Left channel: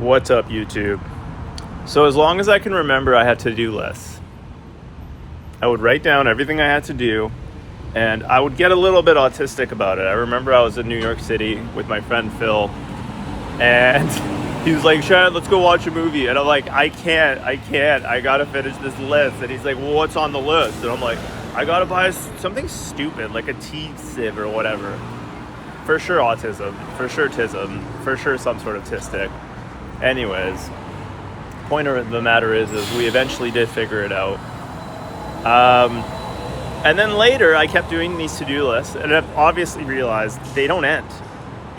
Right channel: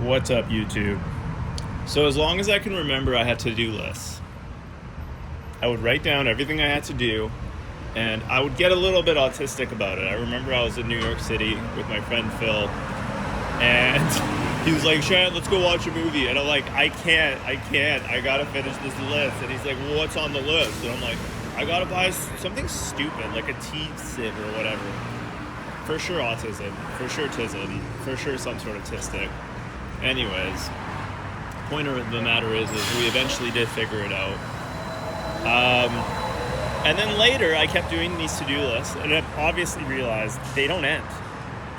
What's up, YouTube? So as long as I can remember, I had to-do lists. I would write down everything I had to do, and I would get a little bit autistic about it. I remember I was in New York City with my friend Phil, and he was like, "Shad, let's go watch a movie." And I'm like, I can't, I gotta finish this list. And he's like, "Well, what's on the list?" And I'm like, "I gotta buy something stupid, like a tea sieve or whatever." For sure autism, for sure tism, for sure some sort of tistic. Anyways, point of the matter is we eventually did figure it out. And then later I kept doing these to-do lists, and I've obviously realized they don't end.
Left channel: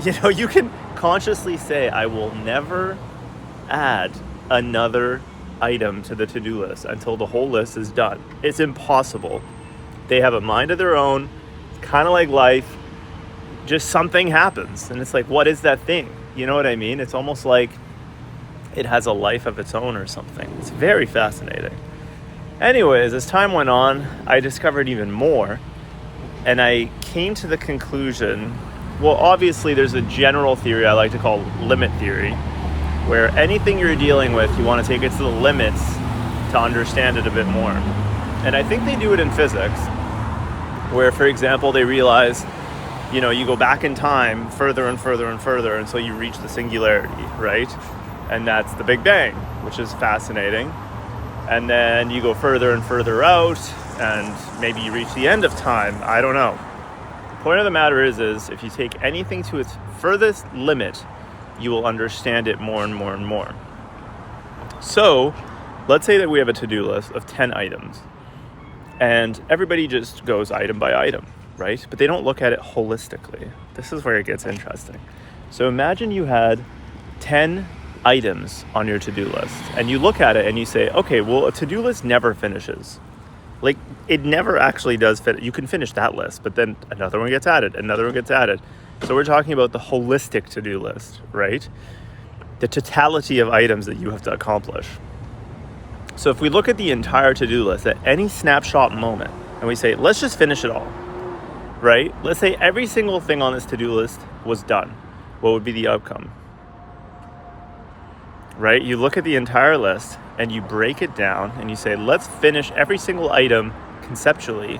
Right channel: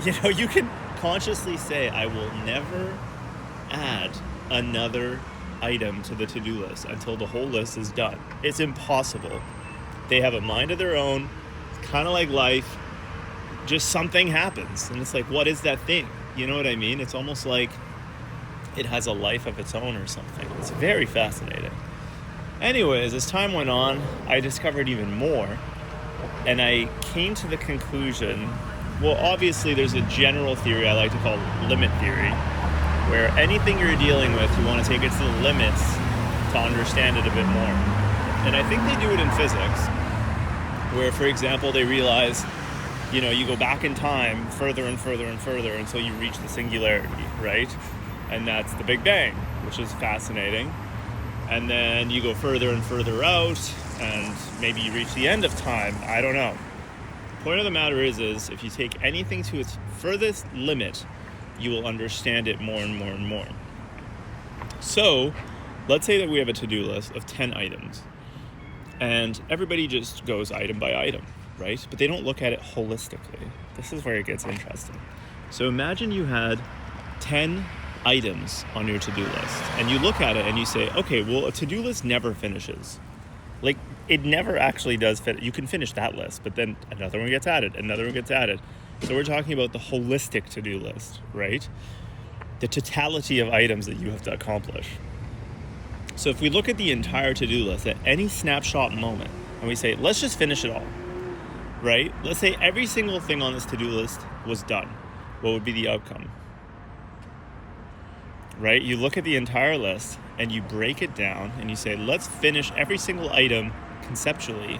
You know, you can consciously say, I will never add another item to the to-do list until the whole list is done. It's impossible. They have a mind of their own. It's kind of like life. Just something happens, and it's like, what is that thing? You know what I mean? It's almost like it has a life of its own or something. It's very fascinating. Anyways, as time went on, I discovered even more, and I came to the conclusion, well, obviously there's a general theory I like to call limit theory, where anything you're dealing with, you want to take it to the limits to understand it a bit more. And I think they do it in physics, where, for example, they realize, you know, you go back in time further and further and further until you reach the singularity, right? And that's the Big Bang, which is fascinating. And then you go further and further out, and maybe you reach the end of time. I don't know. The point of the matter is if you take anything to its furthest limit, you will understand it more and more and more. So let's say that we have a to-do list of 10 items, and everybody just goes item by item, right? But they don't look at it holistically. This is where it gets interesting. So imagine you had 10 items on your to-do list, and you look at it and you say, okay, well, a to-do list never finishes. Like, it never actually does fit. You can finish that list, but then another one gets added, another one gets added. So we're talking about the holistic to-do list, right? The totality of items that you have to accomplish. So if we look at the entire to-do list at any snapshot moment, and we say, let's just finish it all, right? Let's say every single thing on this to-do list was done. What would be the outcome? Right? You look at the entire list and you break it down and you say, let's finish every single item conceptually.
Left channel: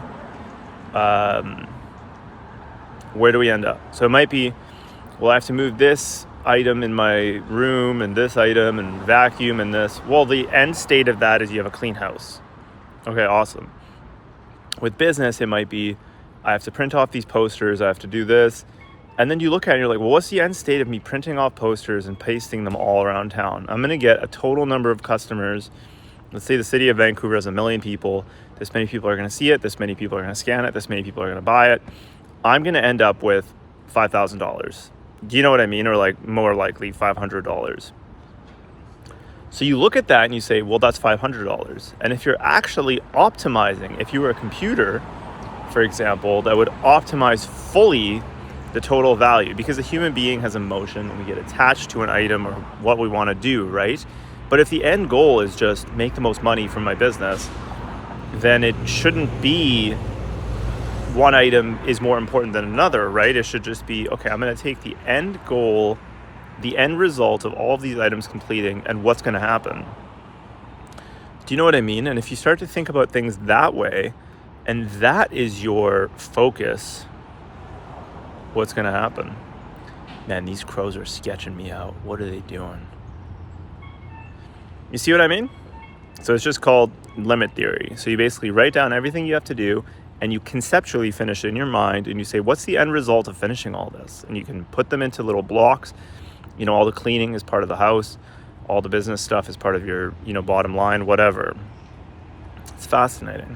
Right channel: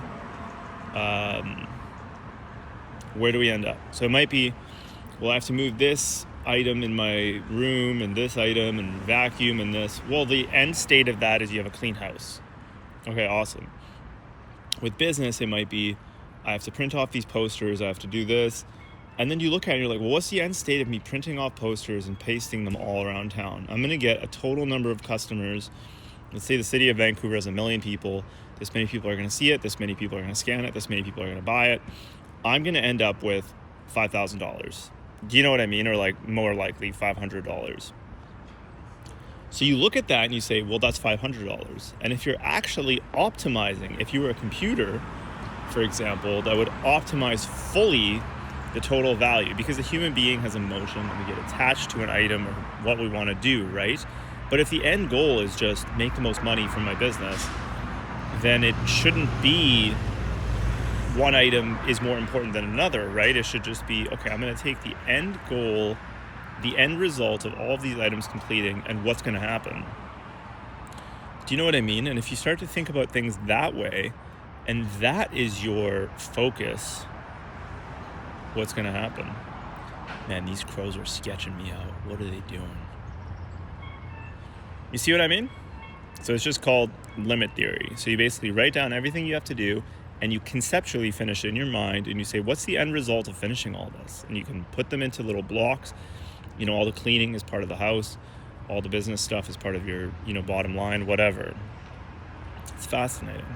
Where do we end up? So it might be, well, I have to move this item in my room and this item and vacuum and this. Well, the end state of that is you have a clean house. Okay, awesome. With business, it might be, I have to print off these posters, I have to do this. And then you look at it and you're like, well, what's the end state of me printing off posters and pasting them all around town? I'm going to get a total number of customers. Let's say the city of Vancouver has 1 million people. This many people are going to see it. This many people are going to scan it. This many people are going to buy it. I'm going to end up with $5,000. Do you know what I mean? Or like more likely $500. So you look at that and you say, well, that's $500. And if you're actually optimizing, if you were a computer, for example, that would optimize fully the total value, because a human being has emotion and we get attached to an item or what we want to do, right? But if the end goal is just make the most money from my business, then it shouldn't be one item is more important than another, right? It should just be, okay, I'm going to take the end goal, the end result of all of these items completing, and what's going to happen. Do you know what I mean? And if you start to think about things that way, and that is your focus, what's going to happen? Man, these crows are sketching me out. What are they doing? You see what I mean? So it's just called limit theory. So you basically write down everything you have to do, and you conceptually finish it in your mind, and you say, what's the end result of finishing all this? And you can put them into little blocks. You know, all the cleaning is part of the house. All the business stuff is part of your, bottom line, whatever. It's fascinating.